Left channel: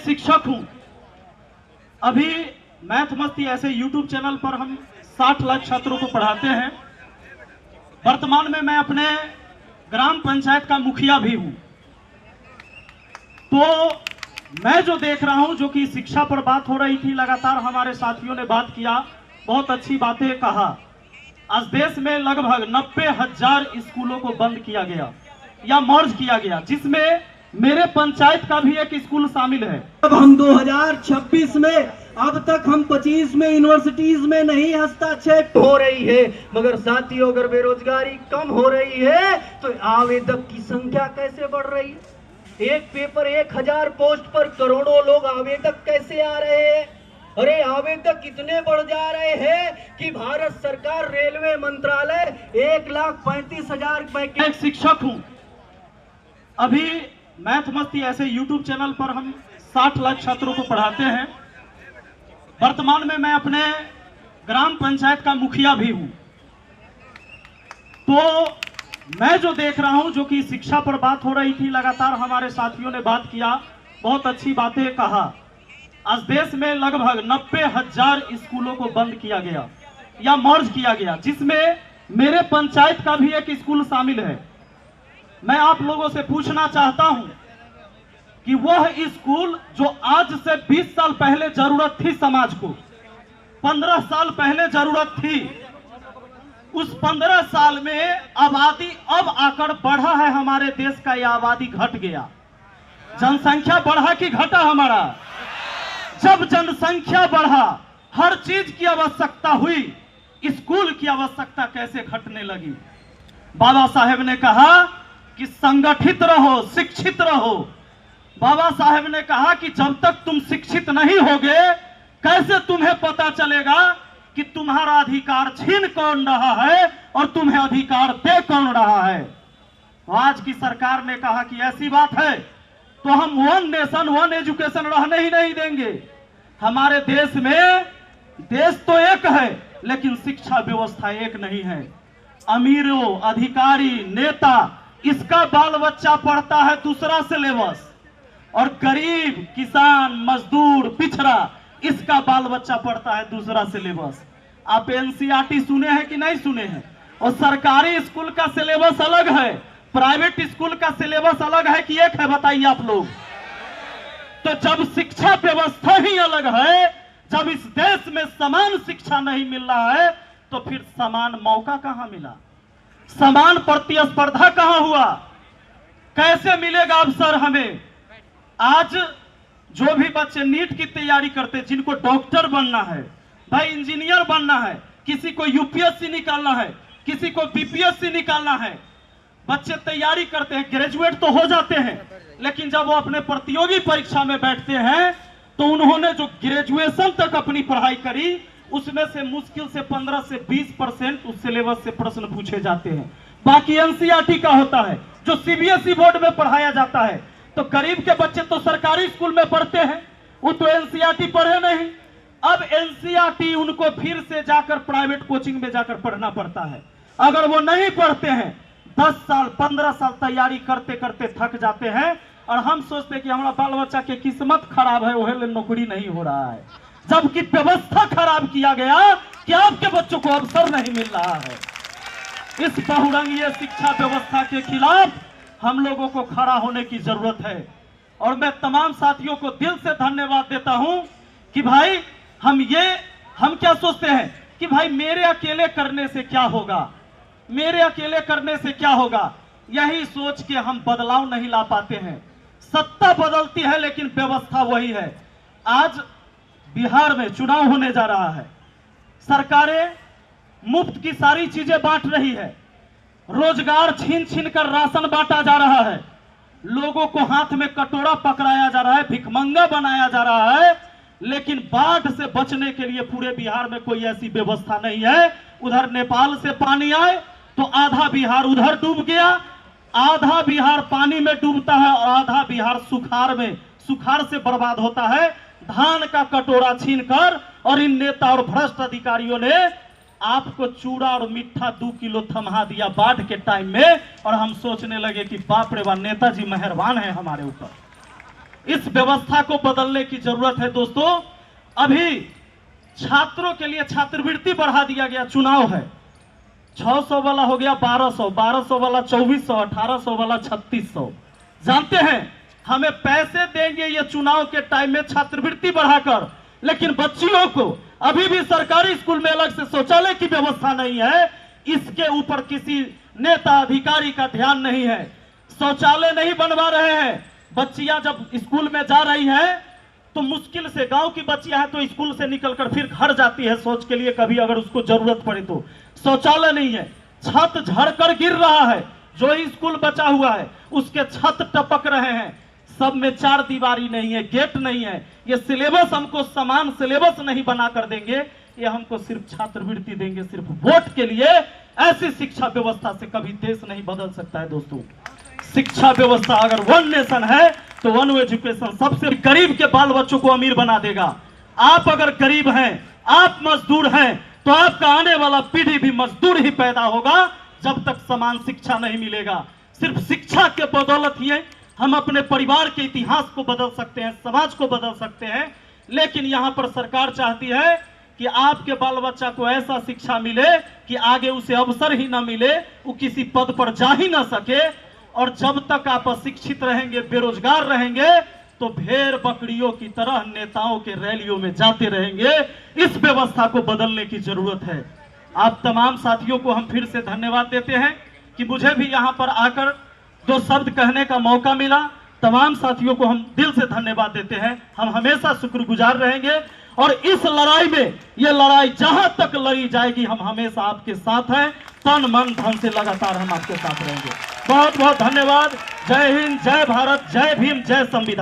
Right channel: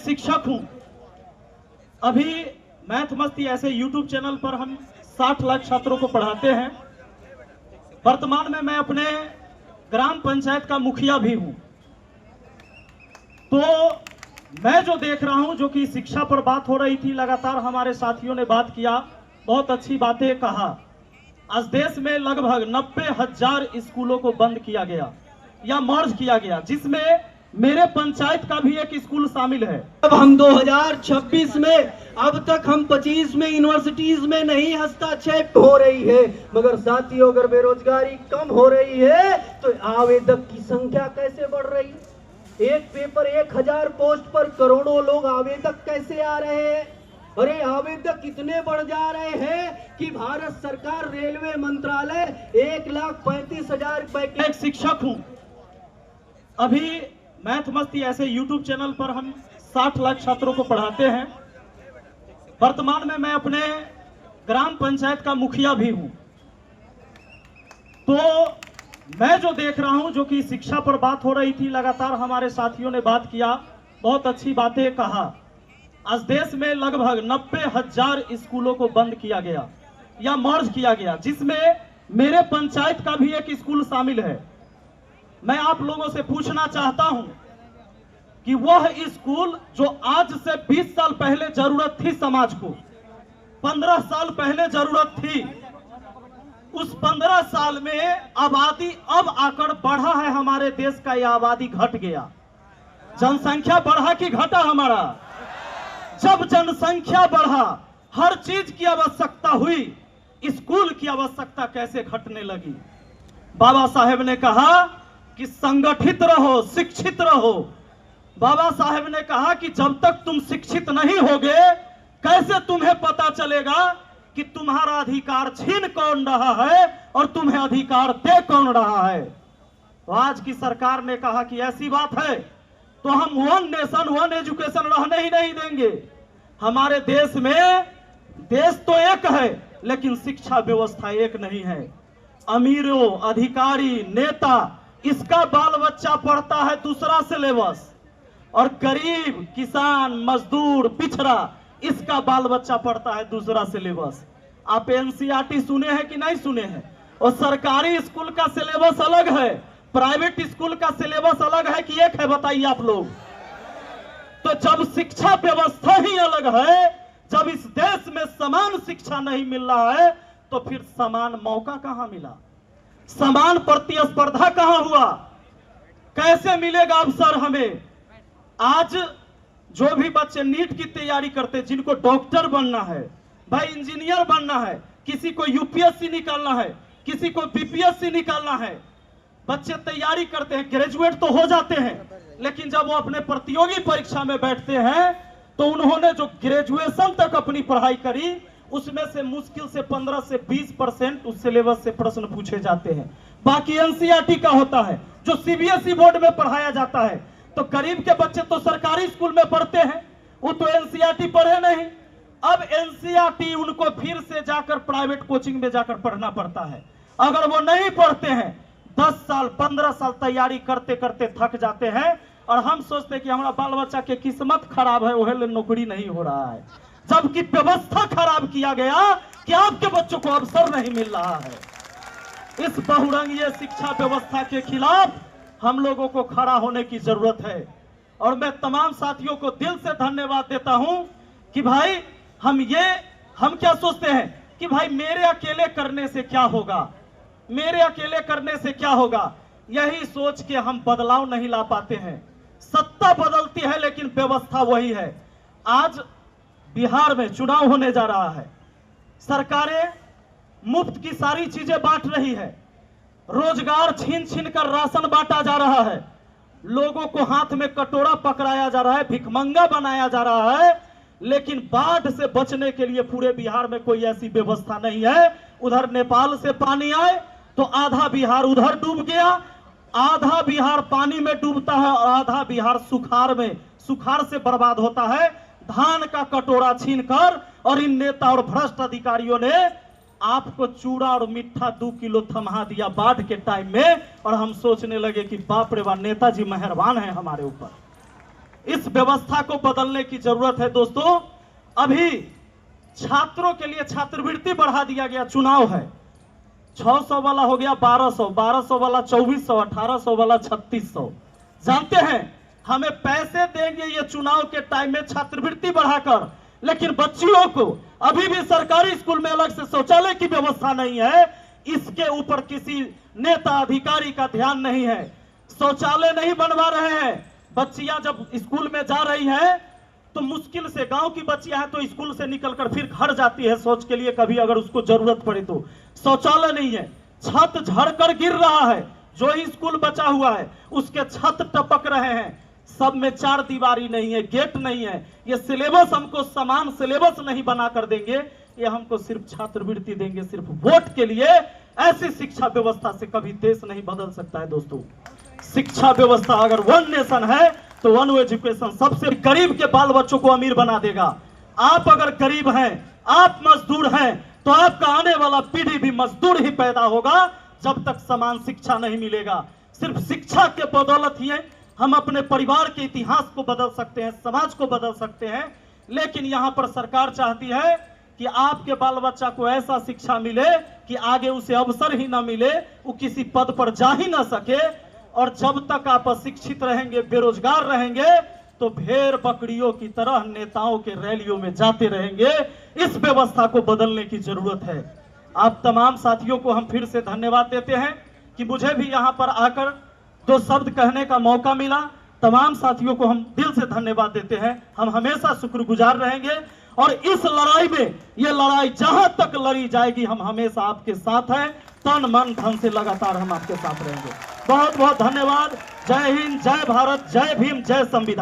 शिक्षक हूं। अभी मैथ मस्ती ऐसे यूट्यूब चैनल पर हम 60 लाख छात्रों को पढ़ाते हैं। वर्तमान में मैं अपने ग्राम पंचायत का मुखिया भी हूं। तो मैं जो देख रहा हूं, जो कि शिक्षा पर बात हो रही थी, लगातार हमारे साथियों ने बात किया, बहुत अच्छी बातें कहा। आज देश में लगभग 90,000 स्कूलों को बंद किया गया या मर्ज किया गया, जिसमें मेरे पंचायत का भी एक स्कूल शामिल है। अब हम 2026 में, अब तक हम 25 में यूनिवर्सिटीज में नहीं हस्तक्षेप हो रही है, मगर साथियों अगर बेरोजगारी कम हो रही है तो आवेदक की संख्या कैसे बढ़ रही? एक पेपर 1000 पोस्ट पर करोड़ों लोग आवेदक कैसे आ रहे हैं? अरे आवेदक इतने बढ़ जा रहे हैं कि भारत सरकार रेलवे मंत्रालय 1,35,000 रुपए मैं एक शिक्षक हूं। अभी मैथ मस्ती ऐसे यूट्यूब चैनल पर हम 60 लाख छात्रों को पढ़ाते हैं। वर्तमान में मैं अपने ग्राम पंचायत का मुखिया भी हूं। तो मैं जो देख रहा हूं, जो कि शिक्षा पर बात हो रही थी, लगातार हमारे साथियों ने बात किया, बहुत अच्छी बातें कहा। आज देश में लगभग 90,000 स्कूलों को बंद किया गया या मर्ज किया गया, जिसमें मेरे पंचायत का भी एक स्कूल शामिल है। मैं आप लोगों से पूछना चाहता हूं कि वह स्कूल जो आज से 20 साल पहले जरूरत थी समाज को, 15 साल पहले जरूरत थी, उस 15 साल में आबादी अब आकर बढ़ा है हमारे देश का, यह आबादी घट गया। जनसंख्या बढ़ा कि घटा हमारा? जब जनसंख्या बढ़ा, हर चीज की आवश्यकता हुई, स्कूल की आवश्यकता कैसे घटने लगी? बाबा साहेब ने कहा कि संगठित रहो, शिक्षित रहो। बाबा साहेब ने कहा कि जब तक तुम शिक्षित नहीं होगे, कैसे तुम्हें पता चलेगा कि तुम्हारा अधिकार छीन कौन रहा है और तुम्हें अधिकार दे कौन रहा है? तो आज की सरकार ने कहा कि ऐसी बात है तो हम वन नेशन वन एजुकेशन रहने ही नहीं देंगे। हमारे देश में, देश तो एक है लेकिन शिक्षा व्यवस्था एक नहीं है। अमीरों, अधिकारी, नेता, इसका बाल बच्चा पढ़ता है दूसरा सिलेबस, और गरीब, किसान, मजदूर, पिछड़ा, इसका बाल बच्चा पढ़ता है दूसरा सिलेबस। आप एनसीईआरटी सुने हैं कि नहीं सुने हैं? और सरकारी स्कूल का सिलेबस अलग है, प्राइवेट स्कूल का सिलेबस अलग है कि एक है? बताइए आप लोग। तो जब शिक्षा व्यवस्था ही अलग है, जब इस देश में समान शिक्षा नहीं मिल रहा है, तो फिर समान मौका कहां मिला? समान प्रतिस्पर्धा कहां हुआ? कैसे मिलेगा अवसर हमें? आज जो भी बच्चे नीट की तैयारी करते, जिनको डॉक्टर बनना है, भाई इंजीनियर बनना है, किसी को यूपीएससी निकालना है, किसी को बीपीएससी निकालना है, बच्चे तैयारी करते हैं, ग्रेजुएट तो हो जाते हैं, लेकिन जब वो अपने प्रतियोगी परीक्षा में बैठते हैं तो उन्होंने जो ग्रेजुएशन तक अपनी पढ़ाई करी, उसमें से मुश्किल से 15 से 20% उस सिलेबस से प्रश्न पूछे जाते हैं। बाकी एनसीईआरटी का होता है, जो सीबीएसई बोर्ड में पढ़ाया जाता है। तो गरीब के बच्चे तो सरकारी स्कूल में पढ़ते हैं, वो तो एनसीईआरटी पढ़े नहीं। अब एनसीईआरटी उनको फिर से जाकर प्राइवेट कोचिंग में जाकर पढ़ना पड़ता है। अगर वो नहीं पढ़ते हैं, 10 साल 15 साल तैयारी करते करते थक जाते हैं, और हम सोचते हैं कि हमारा बाल बच्चा की किस्मत खराब है, वह नौकरी नहीं हो रहा है, जबकि व्यवस्था खराब किया गया कि आपके बच्चों को अवसर नहीं मिल रहा है। इस बहुरंगीय शिक्षा व्यवस्था के खिलाफ हम लोगों को खड़ा होने की जरूरत है। और मैं तमाम साथियों को दिल से धन्यवाद देता हूं कि भाई हम क्या सोचते हैं कि भाई मेरे अकेले करने से क्या होगा, मेरे अकेले करने से क्या होगा, यही सोच के हम बदलाव नहीं ला पाते हैं। सत्ता बदलती है लेकिन व्यवस्था वही है। आज बिहार में चुनाव होने जा रहा है, सरकारें मुफ्त की सारी चीजें बांट रही है, रोजगार छीन छीन कर राशन बांटा जा रहा है, लोगों को हाथ में कटोरा पकड़ाया जा रहा है, भिखमंगा बनाया जा रहा है, लेकिन बाढ़ से बचने के लिए पूरे बिहार में कोई ऐसी व्यवस्था नहीं है। उधर नेपाल से पानी आए तो आधा बिहार उधर डूब गया, आधा बिहार पानी में डूबता है और आधा बिहार सुखाड़ से बर्बाद होता है। धान का कटोरा छीनकर और इन नेता और भ्रष्ट अधिकारियों ने आपको चूड़ा और मिठा 2 किलो थमा दिया बाढ़ के टाइम में, और हम सोचने लगे कि बाप रे बाप, नेताजी मेहरबान है हमारे ऊपर। इस व्यवस्था को बदलने की जरूरत है दोस्तों। अभी छात्रों के लिए छात्रवृत्ति बढ़ा दिया गया, चुनाव है, 600 वाला हो गया 1200, 1200 वाला 2400, 1800 वाला 3600। जानते हैं हमें पैसे देंगे ये चुनाव के टाइम में छात्रवृत्ति बढ़ाकर, लेकिन बच्चियों को अभी भी सरकारी स्कूल में अलग से शौचालय की व्यवस्था नहीं है। इसके ऊपर किसी नेता अधिकारी का ध्यान नहीं है, शौचालय नहीं बनवा रहे हैं। बच्चियां जब स्कूल में जा रही हैं तो मुश्किल से, गांव की बच्चियां हैं तो स्कूल से निकलकर फिर घर जाती है शौच के लिए, कभी अगर उसको जरूरत पड़े तो। शौचालय नहीं है, छत झड़कर गिर रहा है, जो ही स्कूल बचा हुआ है उसके छत टपक रहे हैं, सब में चार दीवारी नहीं है, गेट नहीं है। ये सिलेबस हमको समान सिलेबस नहीं बना कर देंगे, ये हमको सिर्फ छात्रवृत्ति देंगे सिर्फ वोट के लिए। ऐसी शिक्षा व्यवस्था से कभी देश नहीं बदल सकता है दोस्तों। शिक्षा व्यवस्था अगर वन नेशन है तो वन एजुकेशन सबसे गरीब के बाल बच्चों को अमीर बना देगा। आप अगर गरीब हैं, आप मजदूर हैं, तो आपका आने वाला पीढ़ी भी मजदूर ही पैदा होगा जब तक समान शिक्षा नहीं मिलेगा। सिर्फ शिक्षा के बदौलत ही हम अपने परिवार के इतिहास को बदल सकते हैं, समाज को बदल सकते हैं। लेकिन यहाँ पर सरकार चाहती है कि आपके बाल बच्चा को ऐसा शिक्षा मिले कि आगे उसे अवसर ही ना मिले, वो किसी पद पर जा ही ना सके। और जब तक आप अशिक्षित रहेंगे, बेरोजगार रहेंगे, तो भेड़ बकरियों की तरह नेताओं के रैलियों में जाते रहेंगे। इस व्यवस्था को बदलने की जरूरत है। आप तमाम साथियों को हम फिर से धन्यवाद देते हैं कि मुझे भी यहाँ पर आकर दो शब्द कहने का मौका मिला। तमाम साथियों को हम दिल से धन्यवाद देते हैं। हम हमेशा शुक्रगुजार रहेंगे और इस लड़ाई में, ये लड़ाई जहां तक लड़ी जाएगी, हम हमेशा आपके साथ हैं, तन मन धन से लगातार हम आपके साथ रहेंगे। बहुत बहुत धन्यवाद। जय हिंद, जय भारत, जय भीम, जय संविधान।